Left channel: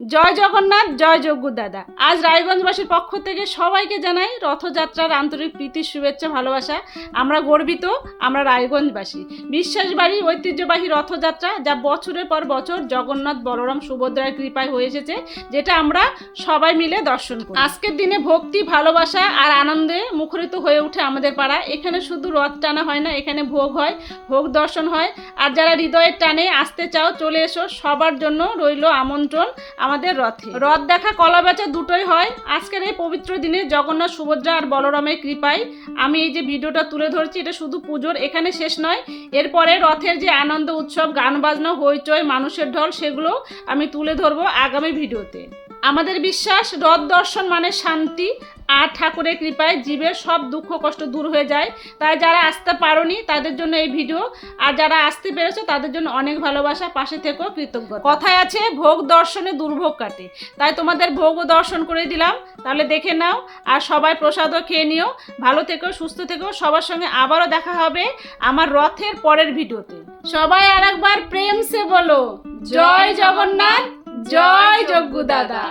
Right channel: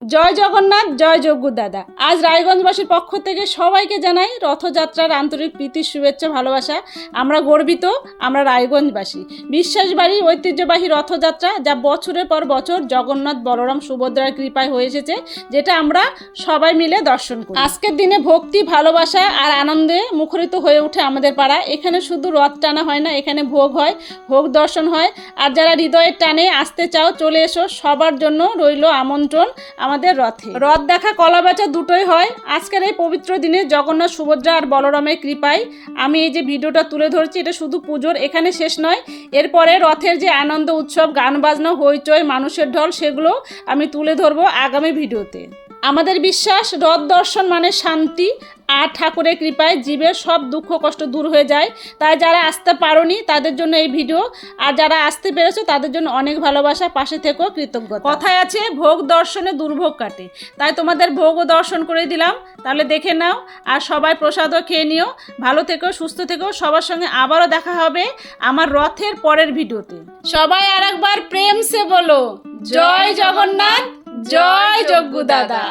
জয় জগন্নাথ, জয় যজ্ঞ দাদা। আজ রায়গঞ্জবাসীর পক্ষ থেকে সবাইকে জানাই রথযাত্রার আন্তরিক প্রীতি, শুভেচ্ছা, ভালোবাসা। আমরা গর্বিত, আমরা রায়গঞ্জবাসী। বিশ্বাসবাড়ি ঐতিহ্যবাহী রথযাত্রা, যা বছরের পর বছর জগন্নাথ, বলরাম, সুভদ্রার কৃপায় হয়ে এসেছে, যেটা আমরা সবাই মিলে দর্শন করি। আজকের দিনে ভক্তি, ভালোবাসা আর আনন্দে মুখরিত হয়ে ওঠে আমাদের পাড়া। এখানে শুধু রথ টানা হয় না, এখানে ভোগ হয়, ভোগ দর্শন হয়। আর যারা হৃদয়ের টানে আসতে চাও, চলে এসো। সবার জন্য রইল আমন্ত্রণ আমাদের রথে। রথ দেখা, কলা বেচা দুটোই হয়। আজকের এই পবিত্র দিনে জগন্নাথ, সুভদ্রা আর বলরামের কৃপায় আমি এই যে ভিডিওটা তুলে ধরছি, এটা শুধু পুজোর এখানে শেষ নয়। এরপরে রথের যে আনন্দ উৎসব, গান বাজনা, হইচই, মানুষের ঢল, সেগুলো আমি তুলে ধরবো আগামী ভিডিওতে। আমাদের বিশ্বাস, রথ দর্শন মানে শান্তি, আর ঠাকুরের কৃপায় জীবের সব দুঃখ কষ্ট দূর হয়ে যায়। তাই যারা আসতে পারোনি তাদের জন্য এই ভিডিও, আর যারা আসতে পেরেছো তাদের জন্য অনেক ভালোবাসা, পাশে থেকেও কৃতজ্ঞতা। কথায় আছে, ভোগ দর্শনে দুর্ভোগ কাটে। তাই তোমাদের ভোগও দর্শন করে দিলাম, তাহলে দেখে নাও। আর সবাই প্রসাদও খেয়ে নিও। ভালো থেকো, সুস্থ থেকো। সবার সঙ্গে আবারও দেখা হবে আমার রথের পরের ভিডিওতে। সবাই আর একবার প্রেম সে বলো, জয় জগন্নাথ, জয় যজ্ঞ দাদা।